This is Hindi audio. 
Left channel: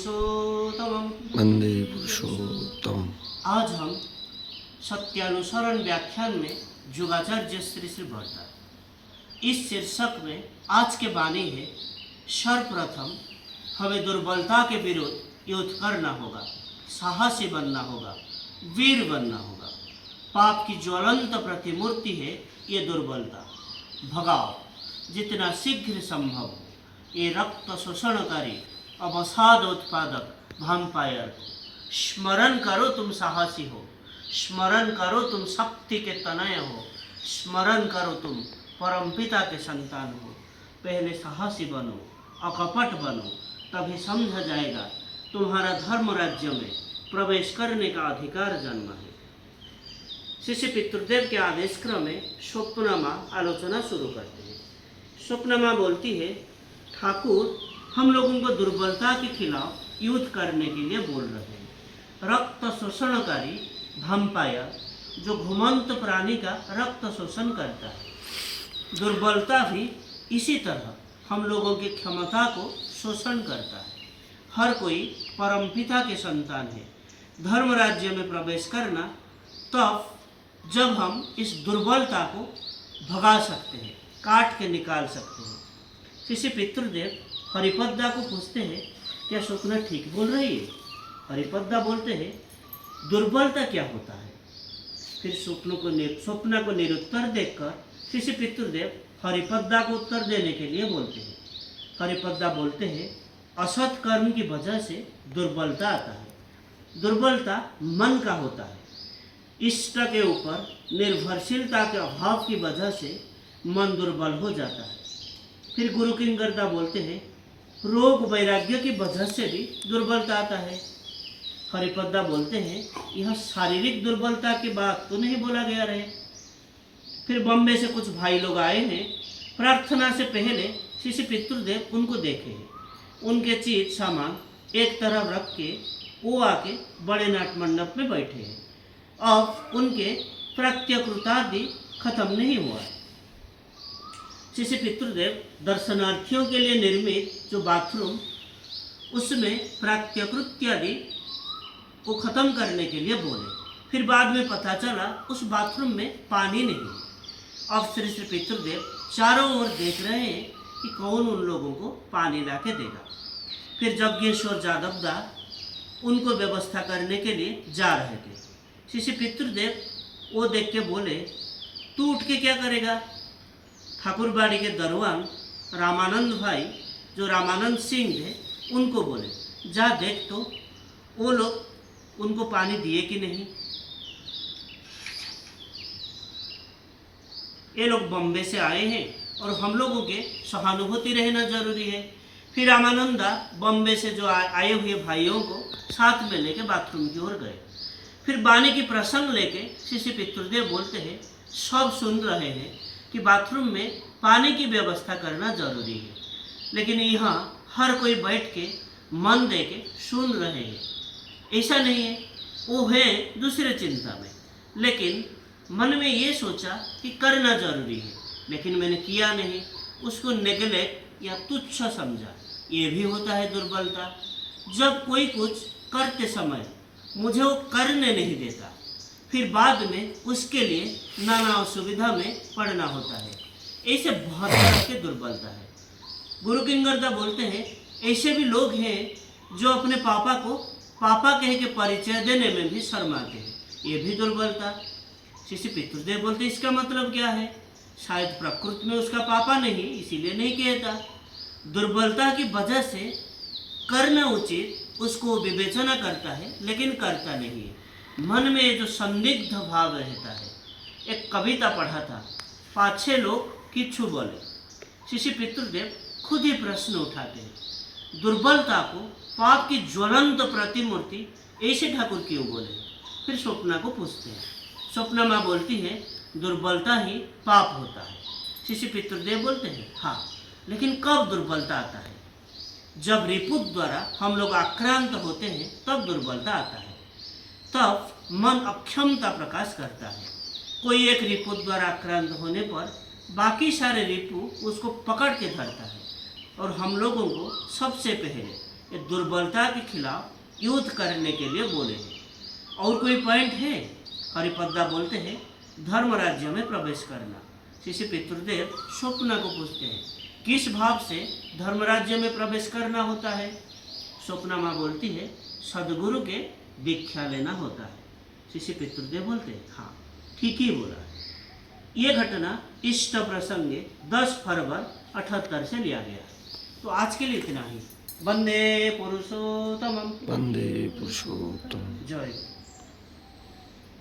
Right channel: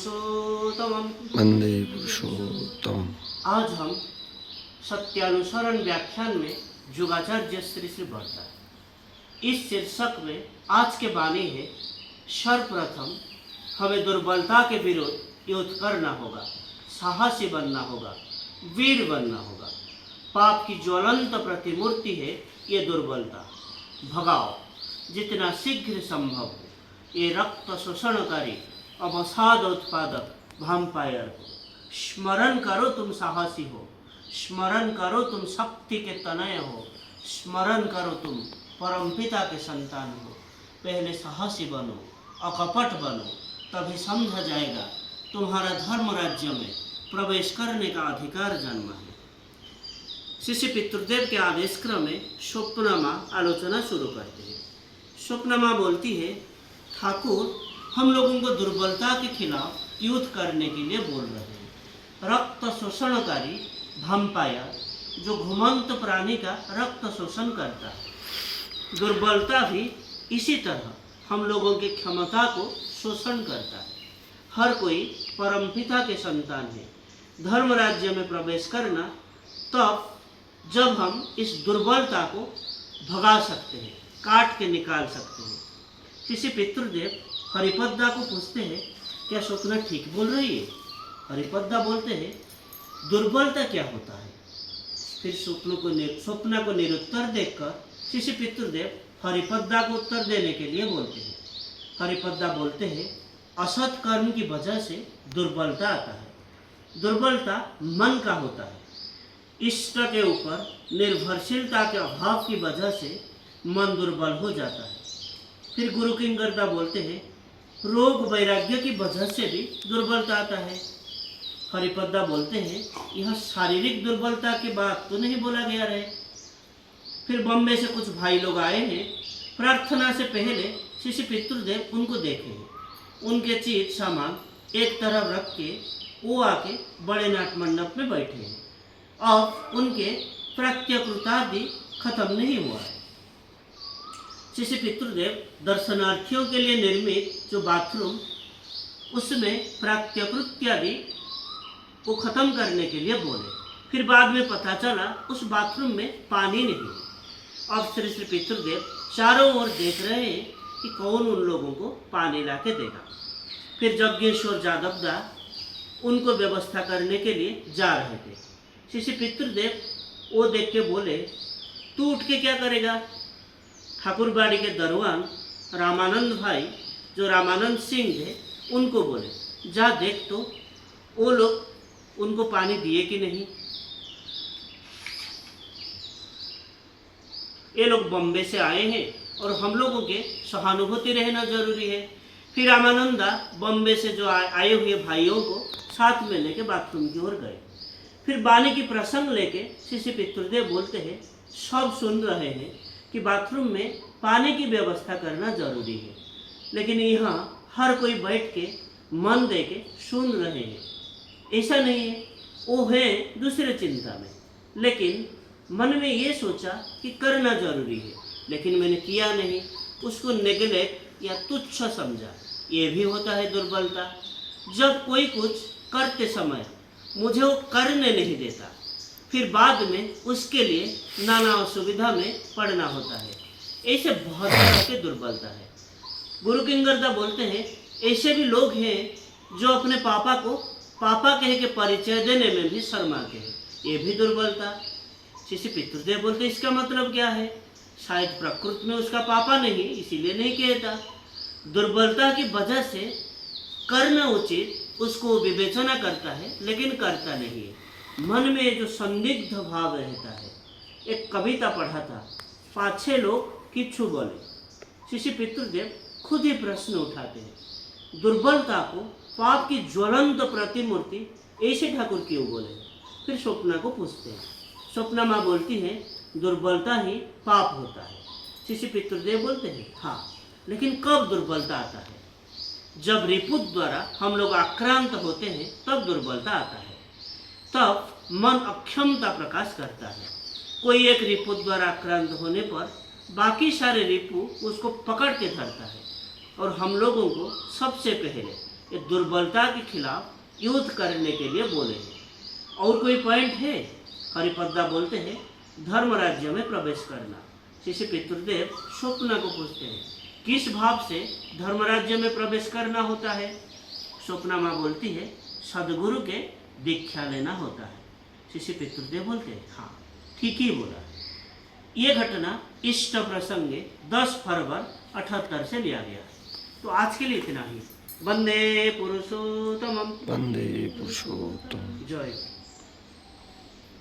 पुरुषोत्तमम् वंदे पुरुषोत्तम। आज हम सत्यानुसरण व्याख्यान में युगाचार्य श्री श्री वर्ता इस शीर्षक में आज के वाणी है, सर्वप्रथम हमें दुर्बलता के विरुद्ध युद्ध करना होगा, साहसी बनना होगा, वीर बनना होगा। पाप की ज्वलंत प्रतिमूर्ति है ये दुर्बलता। भगाओ जितना शीघ्र संभव हो ये रक्त शोषणकारी अवसाद उत्पादक वैम्पायर को। स्मरण करो तुम साहसी हो, स्मरण करो तुम शक्ति के तनय हो, स्मरण करो तुम परमपिता के संतान हो। पहले साहसी बनो, अकपट बनो, तभी समझा जाएगा तुम्हारा धर्म राज्य में प्रवेश करने का अधिकार जन्मा है। शिष्य पितृदेव के आदेश क्रम में स्वप्नमा आलोचना शुरू करते हैं। स्वप्नमा बोलती है, ठाकुर हम लोगों को दुर्बलता के खिलाफ युद्ध करने के लिए बोल रहे हैं। रक्त शोषणकारी वैम्पायर जो घुमंत प्राणी का रक्त शोषण करता है, दुर्बलता भी इसी तरह हम लोगों की क्षमता को शोषण करता है। हर कोई परमपिता के संतान है। धर्म राज्य में प्रवेश करना तब जब हम इस दुर्बलता को भगा सकते हैं, काट के निकाल सकते हैं। किसी पितृदेव हरिपद्दा को पूछते हैं, क्या स्वप्ना ठीक बोल रही है? हरिपद्दा बोलते हैं, दुर्बलता क्या होता है? फिर स्वप्ना को निरुत्तर देखकर किसी पितृदेव हरिपद्दा को उत्तर देने के लिए बोलते हैं। हरिपद्दा बोलते हैं, असत कर्म की वजह से दुर्बलता आता है। दुर्बलता मन का होता है। इष्ट के ऊपर निर्भरशीलता के अभाव की वजह से मन दुर्बल हो जाता है। फिर गुरु किंकरदा बोलते हैं, रोग वैराग्य की वजह से भी दुर्बलता आता है। हरिपद्दा बोलते हैं, यह शारीरिक दुर्बलता की बात तो नहीं बोला गया रहे। फिर बॉम्बे से कुछ भाई लोग आए हैं। प्रार्थना से पहले शिष्य पितृदेव उनको देखे हैं। उनके चीज सामान एक तरफ रख के वो आके बड़े नाट मंडप में बैठे हैं। अब उनके प्रत्यकृतादि खत्म नहीं हुआ है। शिष्य पितृदेव दर्शनार्थियों के लिए निर्मित जो बाथरूम, उसमें प्रात्यकृत्यादि को खत्म करने के लिए बोले। फिर बाद में पता चला उस बाथरूम में पानी नहीं। अब श्री श्री पितृदेव चारों ओर देख रहे हैं कि कौन उन लोगों को पानी ला के देगा। फिर यज्ञेश्वर जादवदा उनको व्यवस्था करने के लिए जा रहे थे। शिष्य पितृदेव वो देख के बोले, तू उठ के क्या करेगा? ठाकुरबाड़ी के दरवान रामानंद भाई जो रामानंद सिंह थे उनको बोले, जा देख तो वो लोग उनको पानी दिए कि नहीं। ये लोग बॉम्बे से आए हैं और हम लोगों के सहानुभूति रहना जरूरी है। फिर रामानंदा बॉम्बे से जो आए हुए भाइयों को साथ में लेके बाथरूम की ओर गए। फिर बानी की प्रसंग लेके शिष्य पितृदेव बोलते हैं, सब सुन रहे हैं कि बाथरूम में पानी की व्यवस्था करना जरूरी है, लेकिन यहाँ हर कोई बैठ के मन दे के सुन रहे हैं। ऐसा नहीं है, वो है दूसरे चिंता में, लेकिन मन में ये सोचा कि करना जरूरी है, लेकिन मैंने किया नहीं, उसको नेगलेक्ट या तुच्छ समझा। ये भी होता है दुर्बलता। जब कोई कुछ करते समय मुझे वो करने नहीं देता, फिर बाद में उसके लिए नाना असुविधा में पड़ना होता है। ऐसे बहुत तरह की दुर्बलता है। गुरु किंकरदा बोलते हैं, ऐसे भी लोग हैं जो अपने पापा को पापा कह के परिचय देने में भी शर्माते हैं। ये भी दुर्बलता। शिष्य पितृदेव बोलते, इसका मतलब क्या है? शायद प्रकृति में उसका पापा नहीं, इसीलिए नहीं कहता। दुर्बलता की वजह से करना उचित उसको विवेचना करता है, लेकिन करता नहीं है। मन में जो संदिग्ध भाव रहता है। एक कविता पढ़ा था, पाछे लोग किच्छु बोले। शिष्य पितृदेव खुद ही प्रश्न उठाते हैं, दुर्बलता को पाप की ज्वलंत प्रतिमूर्ति ऐसे ठाकुर क्यों बोले? फिर स्वप्ना को पूछते हैं। स्वप्ना माँ बोलती है, दुर्बलता ही पाप होता है। शिष्य पितृदेव बोलते हैं, हाँ, लेकिन कब दुर्बलता आता है? जब रिपुत द्वारा हम लोग आक्रांत होते हैं तब दुर्बलता आता है। तब मन अक्षमता प्रकाश करता है। कोई एक रिपुत द्वारा आक्रांत होने पर बाकी सारे रिपु उसको पकड़ के धरता है और हम लोगों को सबसे पहले ये दुर्बलता के खिलाफ युद्ध करने के लिए बोले हैं। और कोई पॉइंट है? हरिपद्दा बोलते हैं धर्म राज्य में प्रवेश करना। शिष्य पितृदेव स्वप्न को पूछते हैं किस भाव से धर्म राज्य में प्रवेश करना होता है? स्वप्ना माँ बोलती है सदगुरु के दीक्षा लेना होता है। शिष्य पितृदेव बोलते हैं हाँ ठीक ही बोला है। ये घटना इष्ट प्रसंगे 10 फरवरी 78 से लिया गया। तो आज के लिए इतना ही। वंदे पुरुषोत्तमम। वंदे पुरुषोत्तम। जय।